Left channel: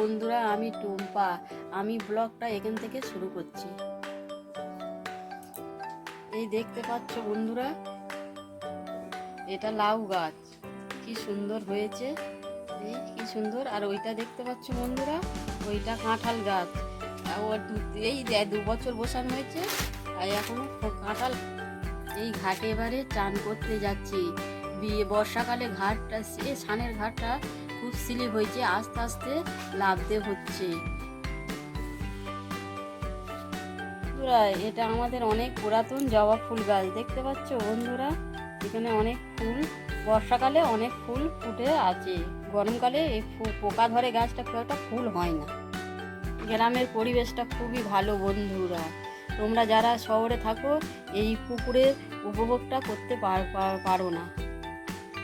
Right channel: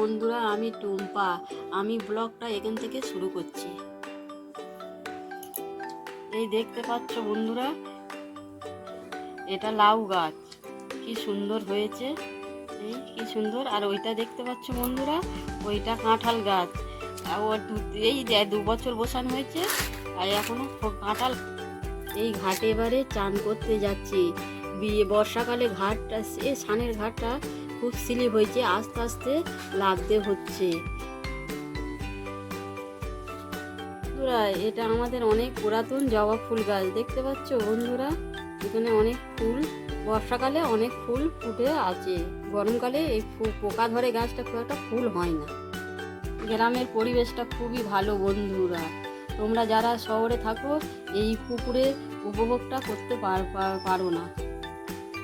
বন্ধুরা, আমি টুম্পা। আমি ব্লগটা এখান থেকে শুরু করছি। এই দেখতে পাচ্ছ বন্ধুরা, এটা লাউ গাছ, কি সুন্দর হয়েছে। এই কি সুন্দর। আর ওইটা দেখতে পাচ্ছ বন্ধুরা, ওইটা কাঁঠাল গাছ। ওর এই 2 বছর বসানো হয়েছে আর এখনো কাঁঠাল। এই ঘাটে এবারে চান করতে যাচ্ছি। বর্ষাকালে ঘাটটা, সানের ঘাটটা খুব স্লিপ হয়েছে, আস্তে আস্তে লাফতে হচ্ছে। বন্ধুরা, এটা আমাদের অনেক পুরাতন জবা ফুল গাছ, দেখতে পাচ্ছ বন্ধুরা। এখানে অনেক ফুল, বর্ষাকালে অনেক ফুল ফুটে আছে। গরমকালে এই পোকা ধরে গাছটা, খুব একটা ফুল হয় না। গ্রামের পরিবেশটা খুবই ভালো বন্ধুরা। তোমরা যারা শহরে থাকো এই পুকুরের উপভোগটা করতে পারো না।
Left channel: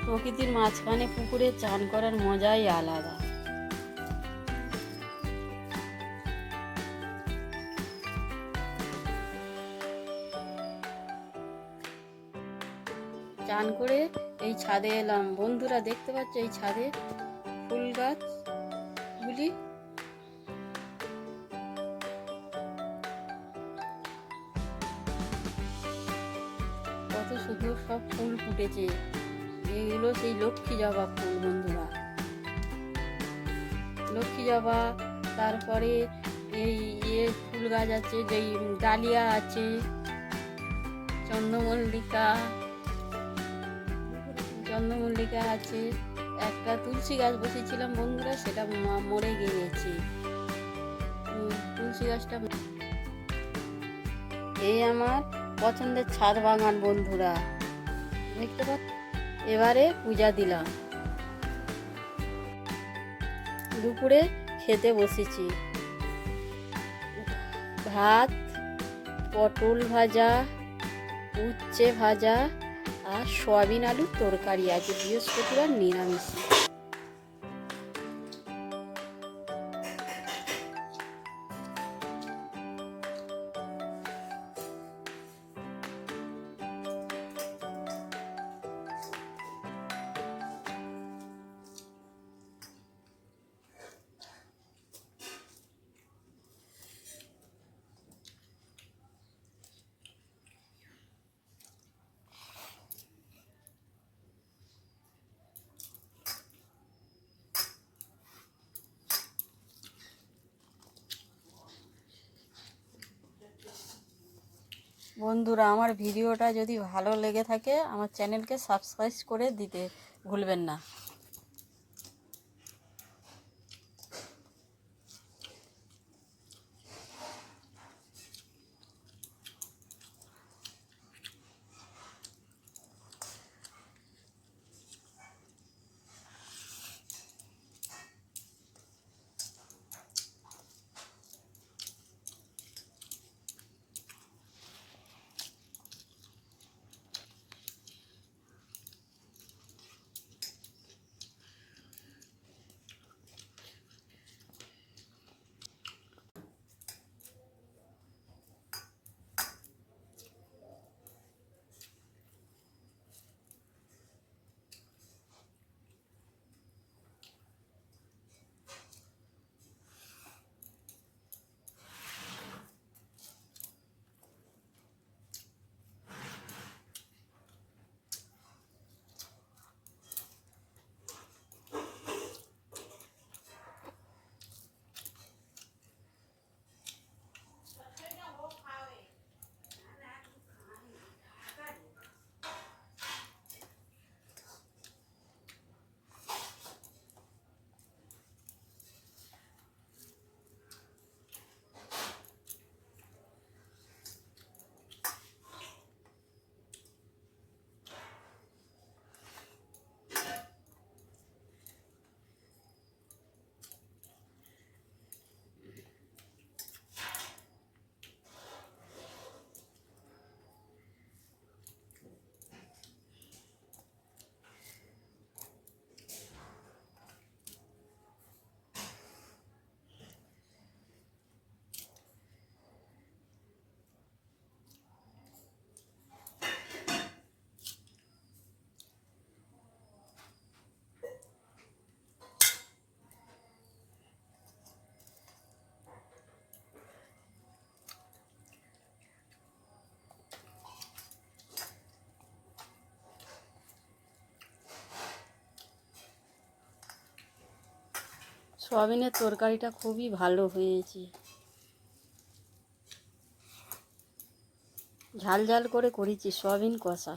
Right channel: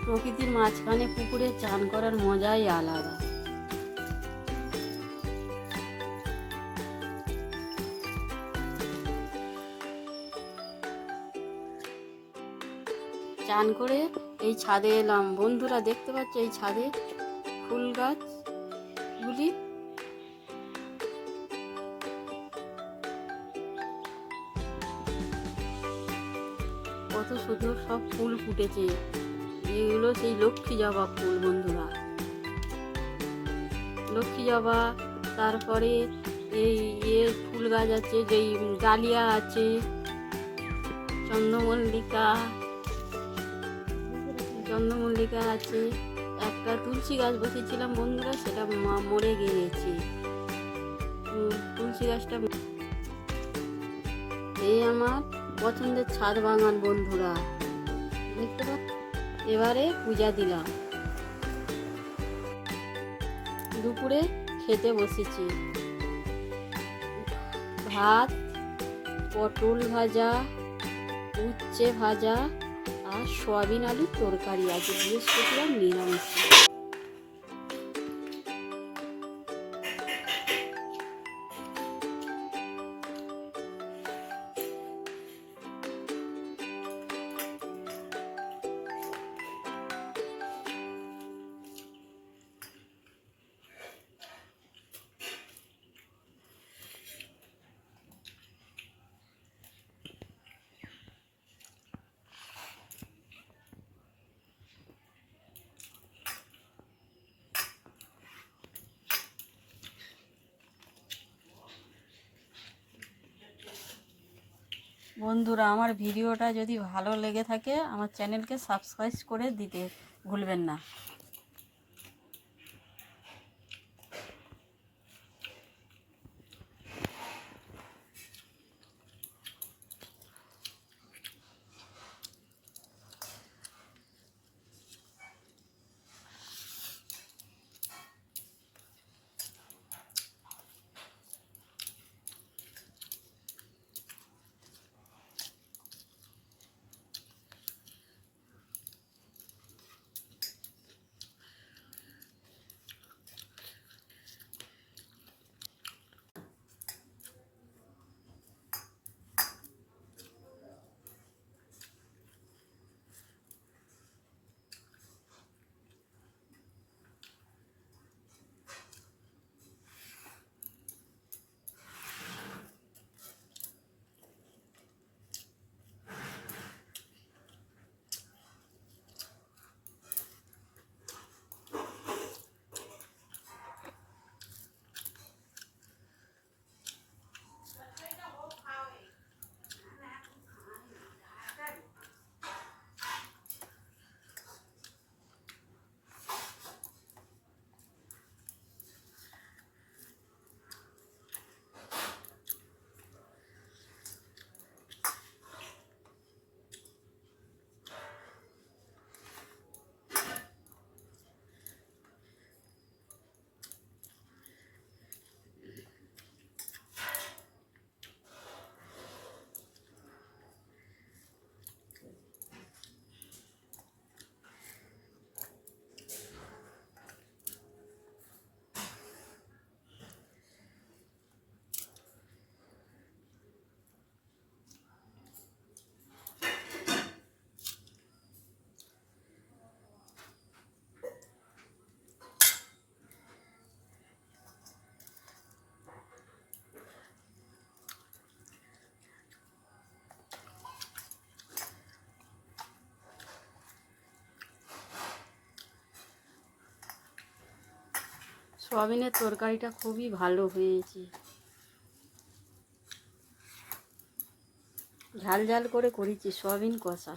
প্রকৃতির মাঝখানে পুকুরে চান করার মজাই আলাদা। চান করে এই ছাদে এলাম বন্ধুরা, দেখতে পাচ্ছ এই ছাদে ফুল গাছগুলি। কত সুন্দর সব ফুল ফুটেছে। এগুলো সেই লক্ষ্মী জবা ফুল বন্ধুরা, লক্ষ্মী জবা। তারপরে এই ফুল গাছ আছে, যেই ডালিয়া আছে, চন্দ্রমল্লিকা আছে। একটা তুলসী গাছ বসেছিলাম বন্ধুরা, সেটা মরে গিয়েছে। তুলসী গাছটা। এই আমার পছন্দের ছাদ বাগান বন্ধুরা, দেখতে পাচ্ছ। এবারে পূজা দিলাম। দুপুরে খেতে বসেছি। ভাত, পটল ভাজা, উচ্ছে ভাজা আর সয়াবিন আলুর তরকারি আছে। বৃহস্পতিবার নিরামিষ। বন্ধুরা, আমার ভিডিওটা যদি ভালো লেগে থাকে আমার চ্যানেলকে সাবস্ক্রাইব করে দিতে ভুলবেন না। সয়াবিনের তরকারিটা খুবই ভালো হয়েছে, ঝাল ঝাল করে করেছি সয়াবিন কষা।